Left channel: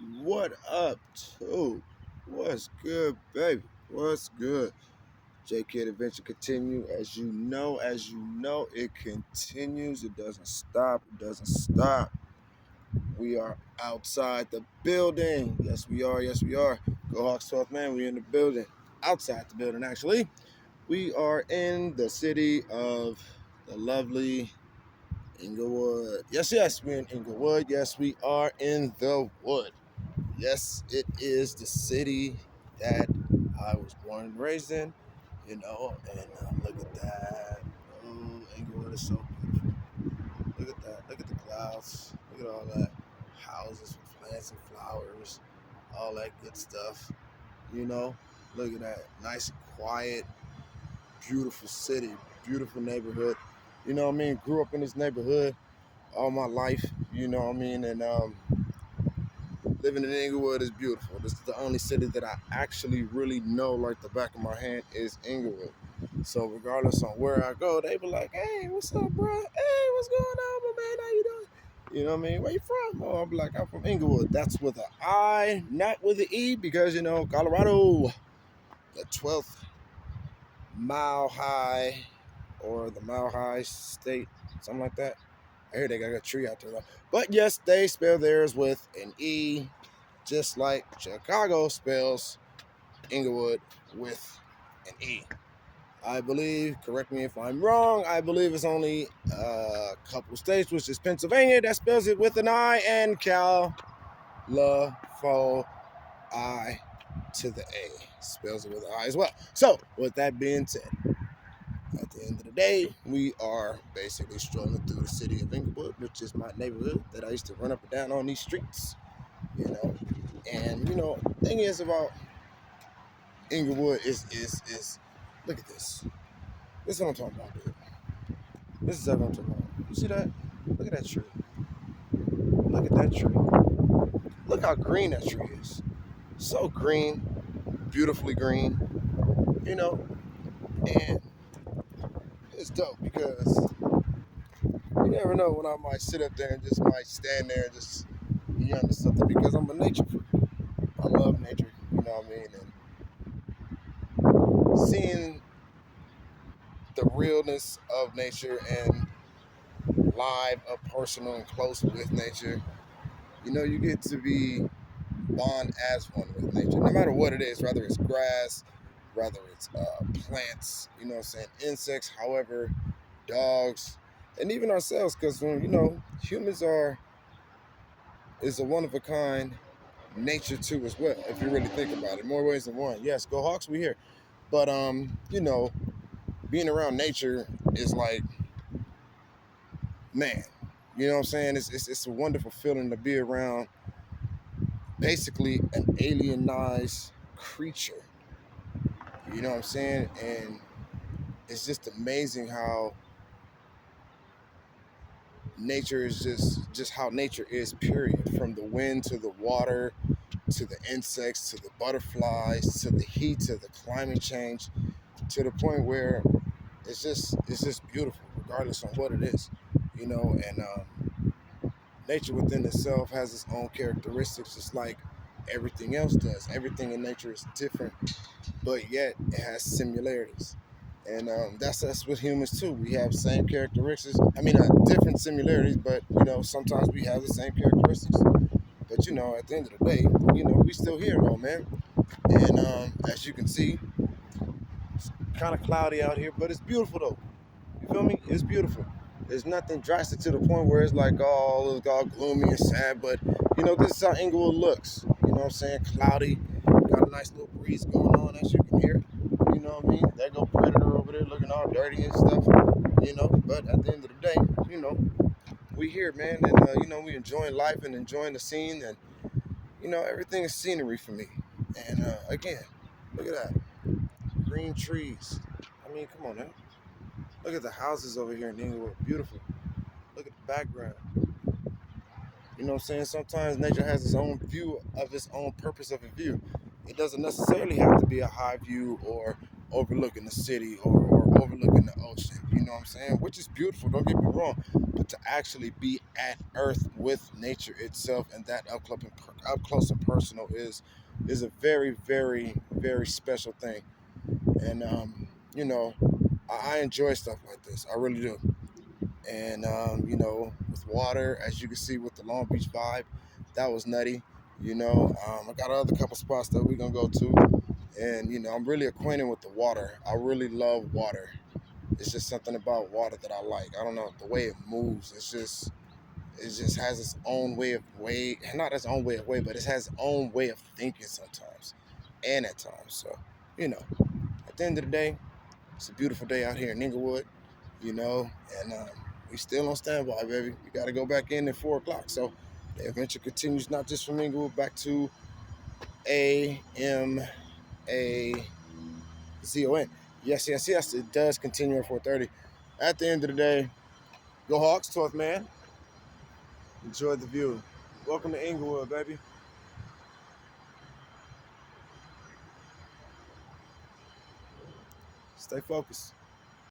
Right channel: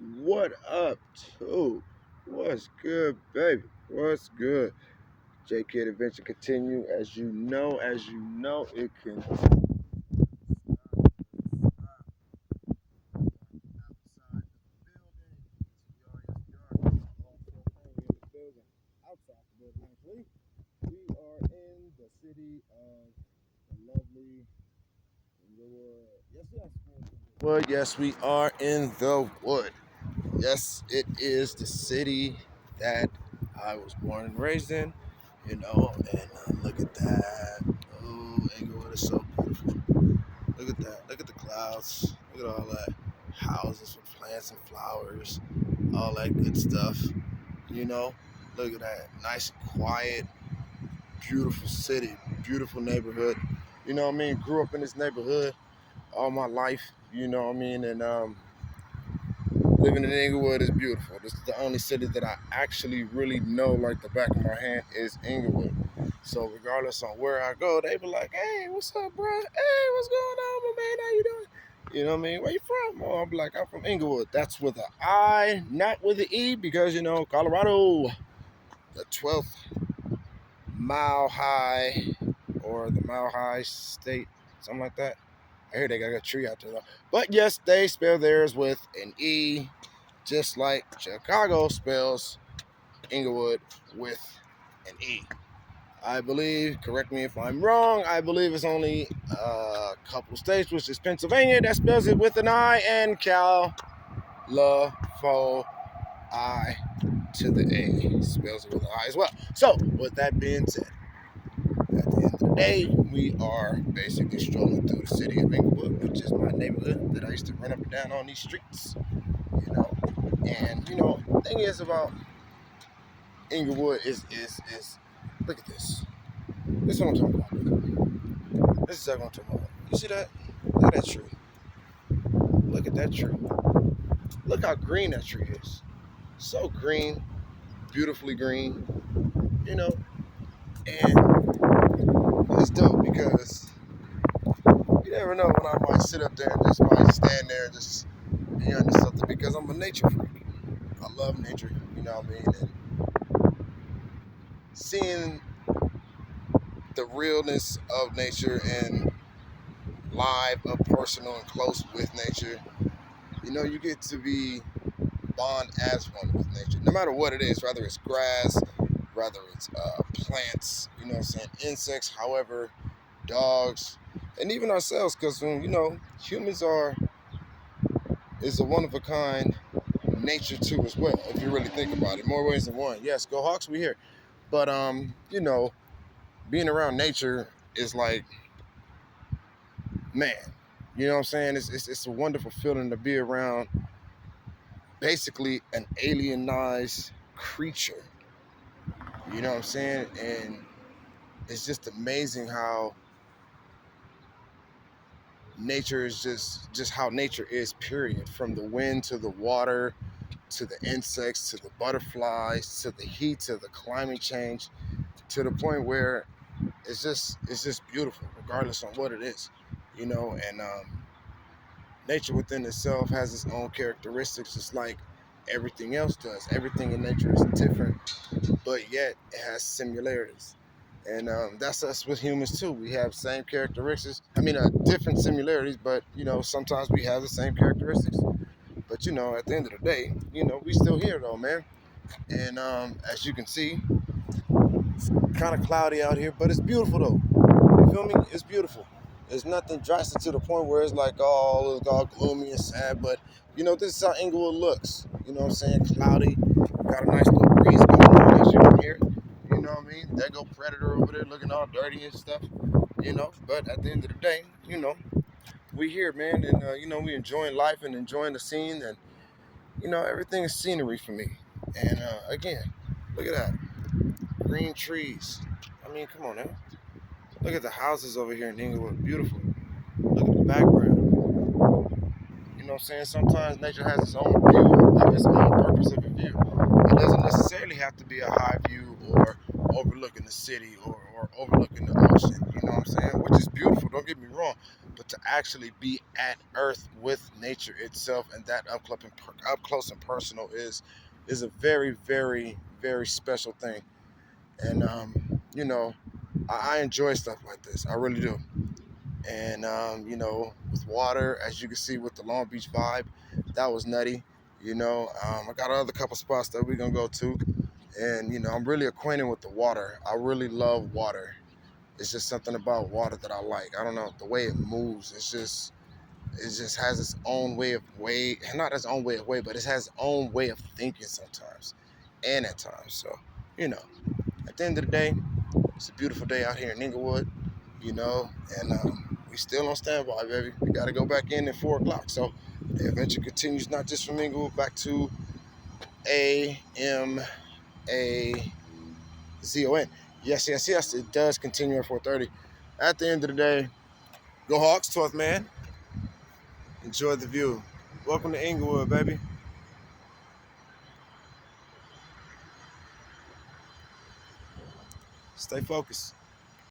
What up, too? What's good, baby? What's good? JK Adventure continue. As you know, it continues. It doesn't stop. It doesn't stop. We are outside the building. Yes, we are. Yes, we are. Go Hawks 12th man. We in the building. Outside the building, actually. We are in the city of the lovely Inglewood. Yes, we're in Inglewood. Yes, we are in the wood. Yes, it is the city that I was born and raised in, and look at that. Oh, Inglewood is so beautiful. Look at that. Look at the clouds. Look at all that. Houses with plants and flowers, all that good stuff. You know, look at that. Nice and quiet, beautiful city, beautiful neighborhood. You know what I mean? Grew up in this neighborhood all my life, you know what I mean? And living in Inglewood is beautiful. This is the only city that I actually really know like the back of my hand is Inglewood. So regardless on where I go, they be like, "Hey, what's up, bro? Hey, what's going on, my man? How you doing? You know what I mean? Where you from?" Oh, I'm like, "I'm from Inglewood." That's with an I, not with an E, because Colorado, the 12th mile high or the mile high state, something like that. I hear they got a tree out there though. But yes, they spell theirs with an E, just like Chicago spells Inglewood with an E. I believe, correct me if I'm wrong, I believe it's only a couple states, which is Pennsylvania, that spells it with an I, and I to the A spells it with an I as well. So, with that being said, at the end of the day, we are basically strolling through the city of Inglewood, which is my neighborhood that I used to run up and down on these streets, you know. And the thing is about Inglewood is look at this. This is what I'm talking about. This is exactly what I'm talking about. You see that? Look at that tree. Look at that tree. Look how green that tree is. So green, beautifully green, you know. And it's dope because you never know when I might sit up there and just might stand there and just be under something because I'm a nature freak. I love nature, you know what I mean? And seeing the realness of nature and live, up personal and close with nature, you get to be bond as one with nature, no matter what it is, whether it's grass, whether it's plants, what I'm saying, insects, however, dogs, and even ourselves, because humans is a one of a kind nature too as well. If you really think about it, more ways than one. Yes, go Hawks, we here. But being around nature is like, man, you know what I'm saying? It's a wonderful feeling to be around basically an alienized creature. You know what I'm saying? And it's just amazing how nature is just how nature is, period. From the wind to the water to the insects to the butterflies to the heat to the climate change, to the point where it's just beautiful regardless on what it is. And nature within itself has its own characteristics, just like everything else does. Everything in nature is different, but yet it has similarities. And that's us with humans too. We have same characteristics. I mean, different similarities, but sometimes we have the same characteristics. But at the end of the day, we still here though, man. And as you can see, it's kind of cloudy out here, but it's beautiful though. You feel me? It's beautiful. There's nothing drastic to the point where it's like, oh, it's all gloomy and sad. But this is how Inglewood looks. You know what I'm saying? Cloudy, got a nice little breeze going on, as you can hear. You know what I mean? There go Predator over there looking all dirty and stuff. But at the end of the day, we here, man, and we enjoying life and enjoying the scene, and everything is scenery for me. And again, look at that, green trees. I mean, come on now. Look at the houses over here in Inglewood, beautiful. Look at the background. You know what I'm saying? Sometimes nature has its own view of its own purpose of a view. It doesn't necessarily have to be a high view or overlooking the city or overlooking the ocean, you know what I'm saying? Which is beautiful, don't get me wrong. But to actually be at Earth with nature itself and that up close and personal is a very, very, very special thing. And you know, I enjoy stuff like this. I really do. And with water, as you can see with the Long Beach vibe, that was nutty. I got another couple spots that we're gonna go to, and I'm really acquainted with the water. I really love water. It's just something about water that I like. I don't know, the way it moves. It just has its own way, not its own way of way, but it has its own way of thinking sometimes, and at times. So, you know, at the end of the day, it's a beautiful day out here in Inglewood, and we still on standby, baby. We got to go back in at 4 o'clock. So the adventure continues not just from Inglewood back to AMAZON. Yes, yes, yes. It does continue at 4:30. At the end of the day, go Hawks, 12th man. Enjoy the view. Welcome to Inglewood, baby. Stay focused.